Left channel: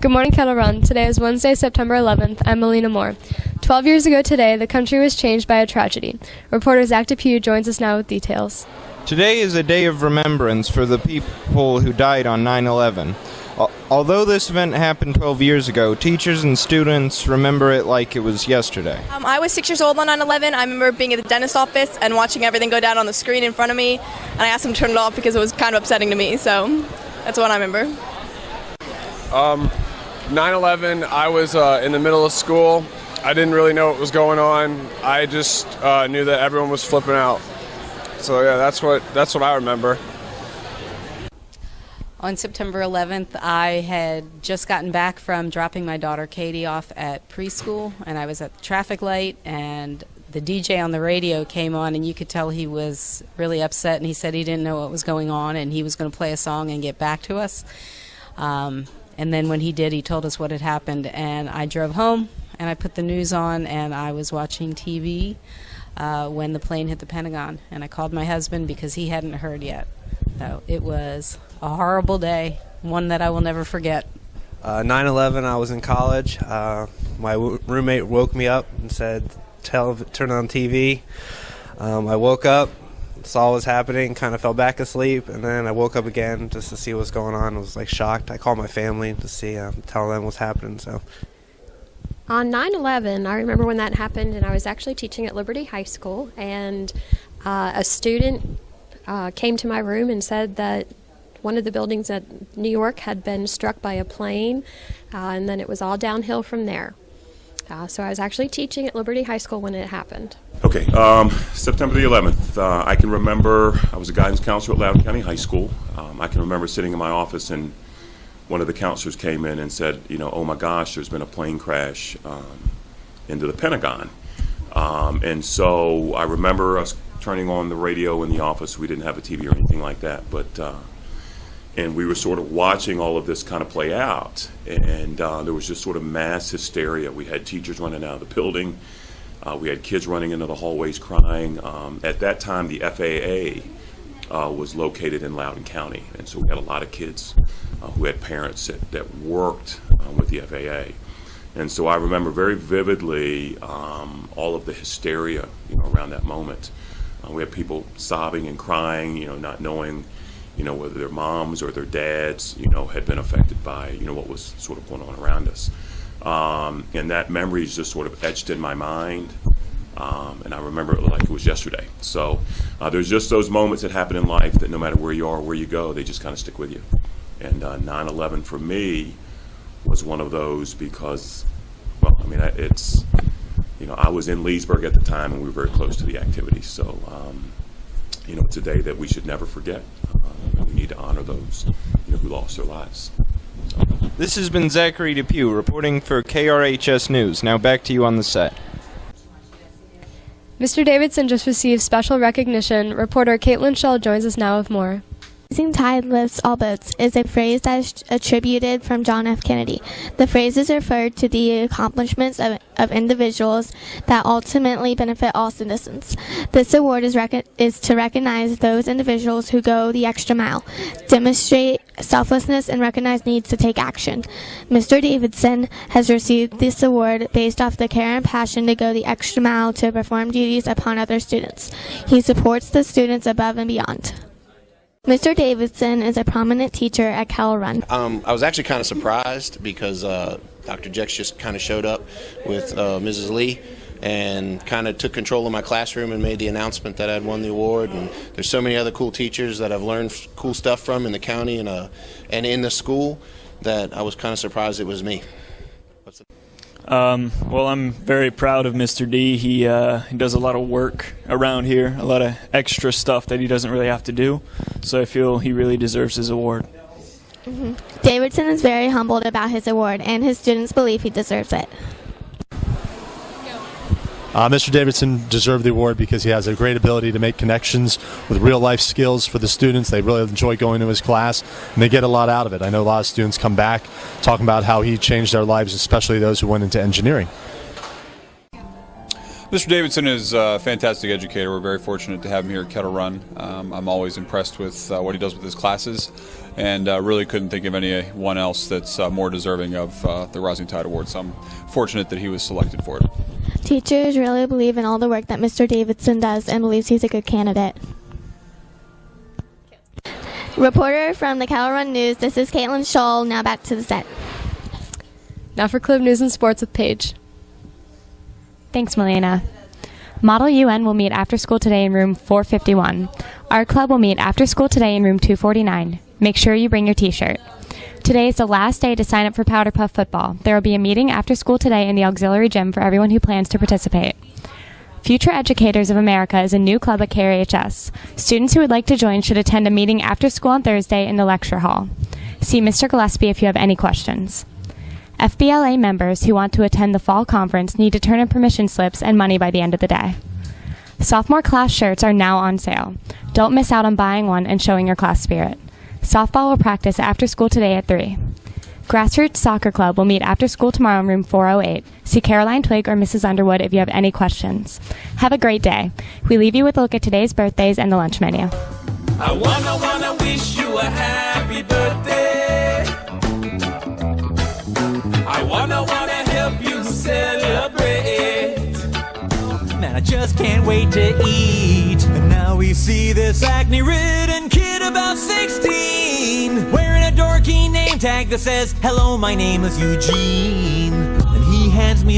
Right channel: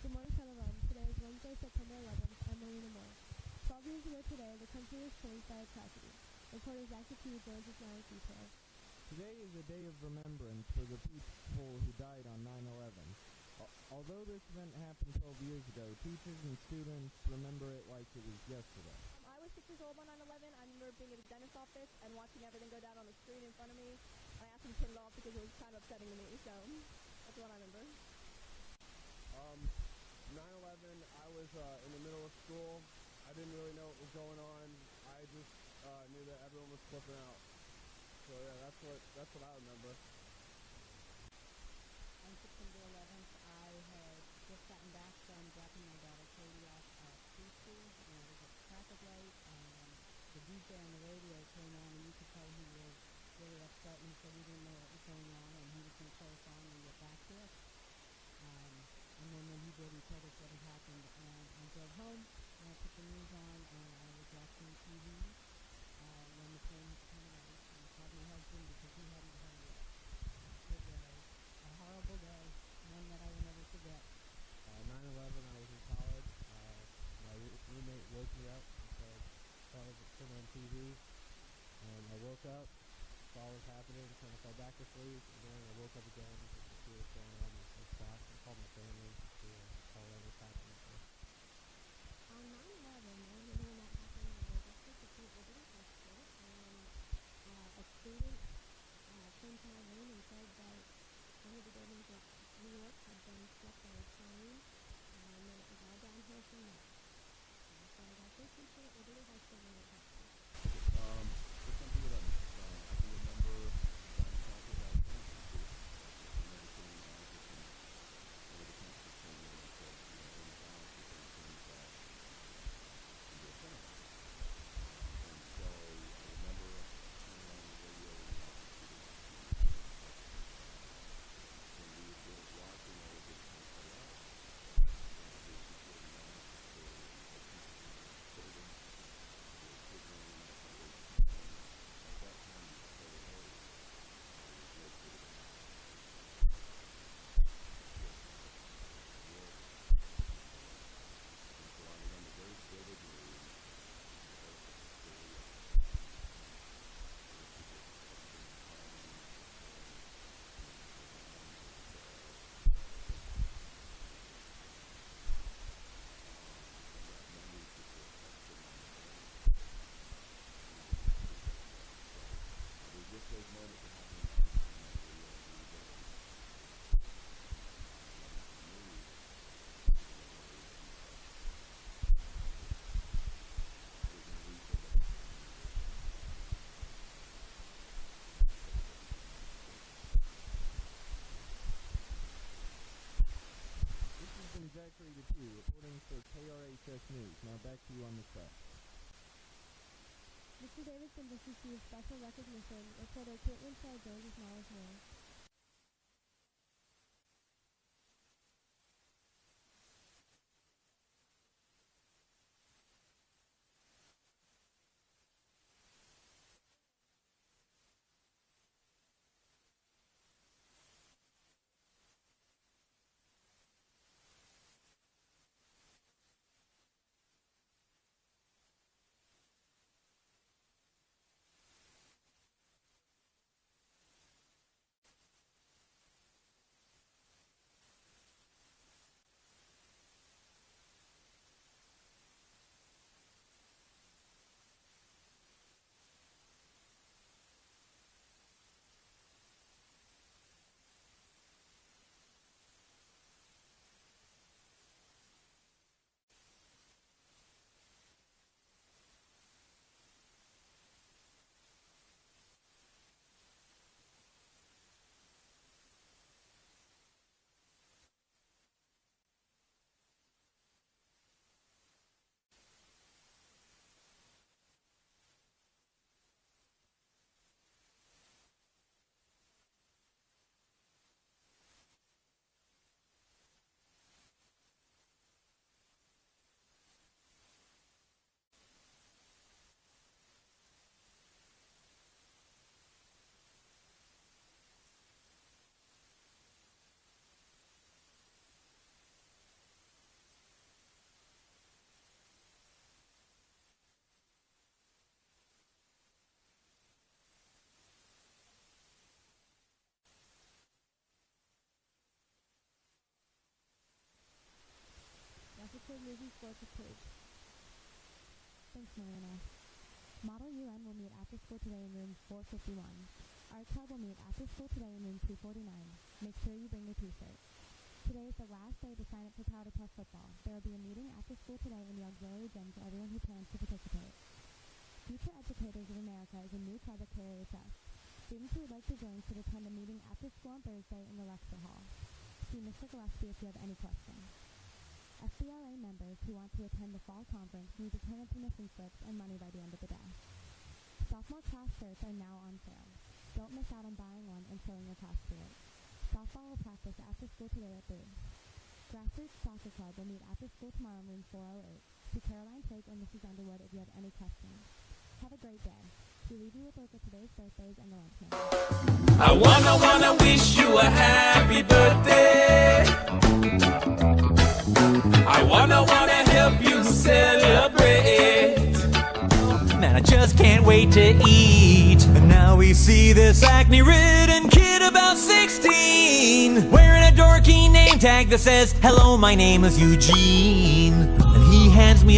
Good morning, Kettle Run. Today is Wednesday, September 11th. I'm Melina Moore. 12 years ago today, the country was changed by a tragedy. Reporter Zach DePew joins us now with details. Today is a day of remembrance for the people who died on 9/11. Although this event happened 12 years ago, teachers and students remember it like it was yesterday. I was 6 years old on 9/11. I remember being at the dentist's office and watching everything go down on the screen in front of me, and I asked them to turn it off because it was kind of upsetting to me, so that's what I remember. 9/11, I was in the middle of school. I didn't really know what was going on. I just knew that everyone was flipping out. So yeah, that's what I remember. On September 11th, I had just gotten back from dropping my daughter Katie off at preschool, and I was at the traffic light, and the DJ on the radio came on, and you could tell he was really upset, and he said he didn't know what was going on, and he was going to play a song and get back to us. And then when he did, he told us what had happened, and I drove home, and I put the news on, and I was watching TV when the plane hit the Pentagon, and I called my husband because he hadn't heard yet. So it was a horrible day, one that I will never forget. 9/11, I was in college. My roommate woke me up and said, turn on TV. I woke up, saw what was happening, kind of fell back asleep, and then I woke up again just to see what's going on. I was like shocked. I called my family to see, tell them what's happening. So on 9/11, I remember when that happened, and I was actually teaching at Liberty High School, and a student came to my room and said that one of the buildings at New York had been struck by a plane, and then it was all downhill from there. So I was actually teaching at Liberty High School when it happened. Okay, September the 11th, I can remember I was a guidance counselor at Loudoun County High School. I can remember sitting in my office and one of the counselors came in and said, oh my gosh, there's been a plane crash into the Pentagon. And so I remember us turning on the radio in the office. We didn't have a TV or anything like that, but and we were sort of watching all of this kind of play out, and there was just sort of mass hysteria. We had teachers running out of the building. We had kids running into the hallways crying. At that time, the FAA was located in Loudoun County, and so we had a lot of kids who had parents that worked with the FAA. And so I remember very vividly all of the hysteria around that moment. We had people sobbing and crying, not knowing whether their moms or their dads, had been affected by, what was sort of going on around us. And that memory is just sort of etched in my mind, and I remember it like it was yesterday. So there's just those moments that happen in life that no matter where you are or where you go, they just kind of stick with you. And 9/11 for me was one of those because, I was in Leesburg at the time, and we were very close to the activity. So, it's a day that we should never forget. We need to honor those who lost their lives. This has been Zachary DePew reporting for KRHS News. Now back to you on the set. Mr. Davidson just received special recognition. Reporter Caitlin Schell joins us now with more. Rising tide lifts all boats is a phrase that is attributed from John F. Kennedy. The phrase is referred to the accomplishments of individuals that ultimately benefit all citizens. This award is to recognize those individuals who go the extra mile, demonstrate selflessness, and recognize needs to take action. Mr. Davidson has received this award based off the care and passion to go the extra mile to perform duties upon other students. He supports the students above and beyond. Mr. Davidson is a prominent teacher at Kettle Run. I was actually kind of surprised because Dr. Jex just kind of showed up with Mrs. Lee and kind of took control of my classroom and made the announcement that I'd won the award. And there's so many other cool teachers that I've learned cool stuff from in the county and in the school that I was kind of surprised it was me. Well, I'm very proud of Mr. D. He does a lot of work around here, a lot of extra stuff that he doesn't really have to do. So I feel he really deserves his award. Mm-hmm. Davidson is very humbled about his award, and his students believe he deserves it. Mr. Davidson deserved the award because he has a great ability to make connections with real-life skills for the students. They really enjoy going to his class, and they get a lot out of it. I know a lot of students come back talking about how he changed their lives, especially those who went into engineering. Mr. Davidson is a fantastic educator. We're very fortunate to have him here at Kettle Run. I'm always impressed with what he does with his classes, and really couldn't think of anyone else that's more deserving of the Rising Tide Award, so I'm fortunate that he was selected for it. Teachers really believe in all the work that Mr. Davidson does and believes he's a good candidate. Reporter from the Kettle Run News, this is Caitlin Scholl. Now back to the set. Now for Club News and Sports with Paige. Thanks, Melina. Model UN will meet after school today in room 451. Our club will meet after school today in room 249. Make sure you bring your t-shirt. Today is the last day to sign up for Powder Puff football. There will be a meeting after school today in the auxiliary gym for everyone who plans to participate. Future Educators of America is a new club at KRHS. Students who would like to join should attend a meeting after school on Thursday in the lecture hall. See Mr. Gillespie if you have any questions. FBLA members who want to attend the fall conference need to turn in permission slips and money by the end of the day. Sophomore class shirts are now on sale. Don't miss out on buying one and showing your class spirit. Softball will practice after school today at 3. Grassroots Soccer Club will meet after school tomorrow in room 408. See Caroline Twig or Mrs. Underwood if you have any questions. Have a great day. We leave you with a look at today's birthdays and the lunch menu. I wanna wish you a happy birthday. I wanna help you celebrate. Man, I just can't wait to eat. And now we see this acne-ridden kid about 16 wearing a dorky name tag that says, "Hello, my name is Eugene." And he hands me a